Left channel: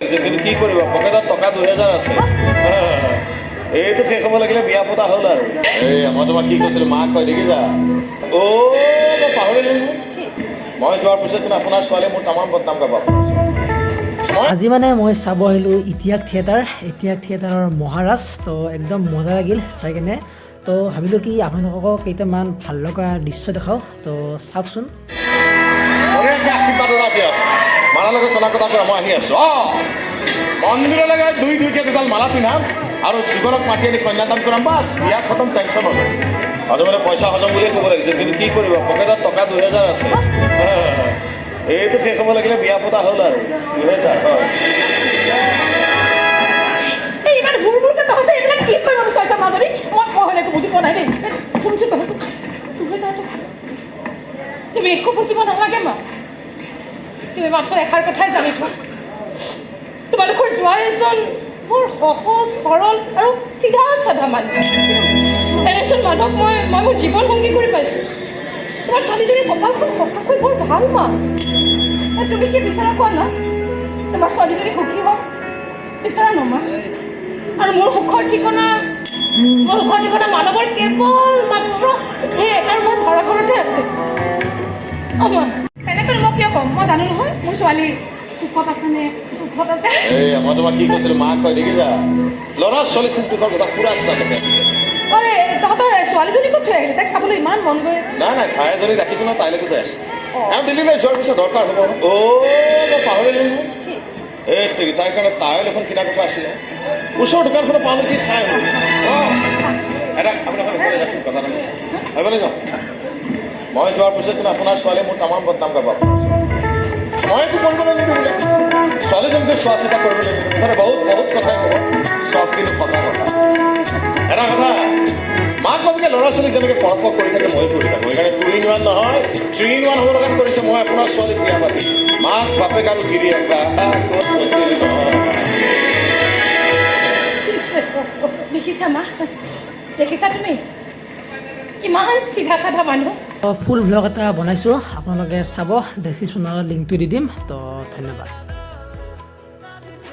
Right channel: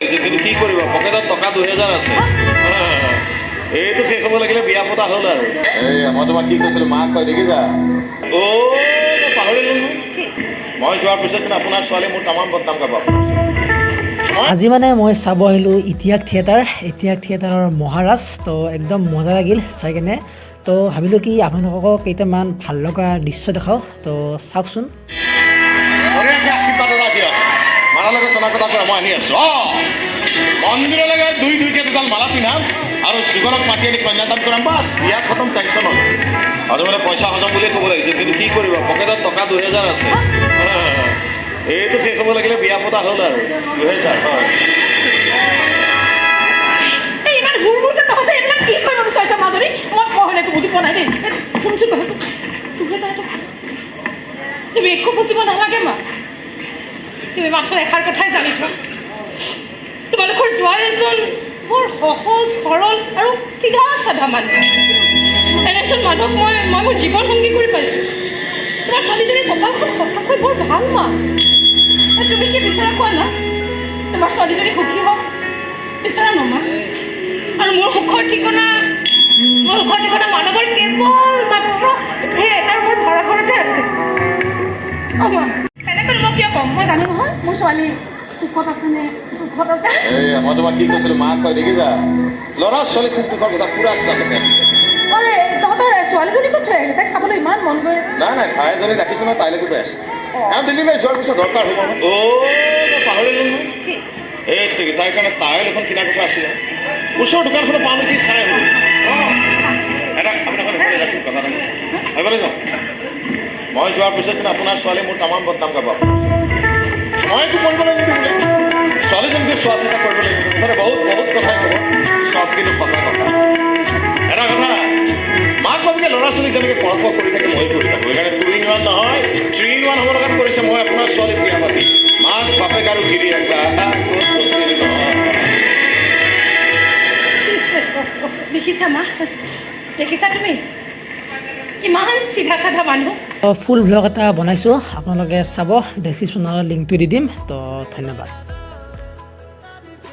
কিন্তু কি কৰিব পকেটত টকা 2000 আছে এইটো শেষ হ'ব লাগিলে বিয়া পতা হ'ল আৰু মই তোমাক কি কৈছিলোঁ মাক কয় দেখিছা মই পাহৰিলোঁ মই যোৱাৰ পিছত কিন্তু আপোনাৰ ছোৱালীয়ে মোৰ তামাম বদনাম কৰিব আজি মানে মই চাব আহিলোঁ ইতিহাস থিয়েটাৰৰ মহাৰাজ তো একদম মজা লাগিল চাই কেনে তো ভাবিলোঁ কি আপোনালোকক কেইটামান ভাল লগা দৃশ্য দেখাওঁ তো চাওকচোন মই আহি আছোঁ মন্দিৰলৈকে দুইকে দুডাল মালা পিন্ধাম আৰু জীৱনত মাতি আনি কন্যাদান কৰাম বাছ বিয়া খতম টেনশ্যন হ'ব হজমে পইচা হজম বুলিয়ে ক'ব লাগিছিল কিন্তু কি কৰিব পকেটত টকা 2000 আছে এইটো শেষ হ'ব লাগিলে বিয়া পতা হ'ল আৰু 2000 হয় তুমি একো বুজিব নালাগে মা তুমি মাত্ৰ এষাৰ কথাই জানি থোৱা তোমালোকৰ জোৱাই এজন বৰ সহজ সৰল আৰু চিধা চাধা মানুহ এনেজন মানুহক মই মোৰ জীৱন সংগী কৰি পাইছোঁ তোমাৰ ছোৱালীজনীৰ কপালখন সঁচাকৈ বৰ ভাল মা তুমি কি বিচৰা কোৱা না তোমাৰ ছোৱালীজনী সুখী হওক বিচৰা নমা আৰু মোৰ সুখৰ ঠিকনা মানৱৰ কেৱল মাত্ৰ সেই এটাৰ ঘৰ ভাড়া ঘৰতে আছে তেনেকৈ মই কিয় ক'ম মই জানো নহয় মোৰ ছোৱালী দুখত আছেনে দুখত আছে মই তোমাক কি কৈছিলোঁ মাক কয় দেখিছা ল'ৰা ছোৱালী খুব দুখৰ কথা পুৰা চালে আৰে তহঁতৰ ছোৱালীজনী ক'ত থৈ আহিলে তাইক চাবলৈ ইমান মন গৈ আছে নাই ঠাই এজনী ৰাখিছোঁ নহয় তাইলৈকে যাই আছে দিল্লীলৈ যোৱাৰ পিছত দৰকাৰ হ'ব মই পাহৰিলোঁ নহয় তাইৰ কাৰণে টাৱেল এখন কিনা কথা আছিলে ওচৰৰ দোকানখনত পাওঁ নেকি চাই এইফালে যাওঁ মই যোৱাৰ পিছত কিন্তু আপোনাৰ ছোৱালীয়ে মোৰ তামাম বদনাম কৰিব মই একো কৰিব লাগিব বোলে ছোৱালীজনীকে চোৱা চিতা কৰিব লাগিব মুঠতে বহুত কথাই ক'ব চব কিন্তু সঁচা কথা এটা কথা মাক বাপেকে ল'ৰা ছোৱালীক যেনেকৈ কৰ্ম কৰি থাকে মই কৰি থাকোঁ সেইকাৰণে 2 in 1 নহয় 3 in 1 হ'ব লগাত কৰিছে মই আপোনাৰ ছোৱালীক বিয়া পাতি মাক বাপেক আৰু গিৰিয়েক ক'ত বচিল নহয় দেখিছা মা দেখিছা তুমি কিমান চিধা চাধা মানুহ ফুল ব্লগ এটা বনাইছোঁ আপোনালোকে চাব ডেছক্ৰিপশ্যনৰ লিংকটো দি দিম তো ধন্যবাদ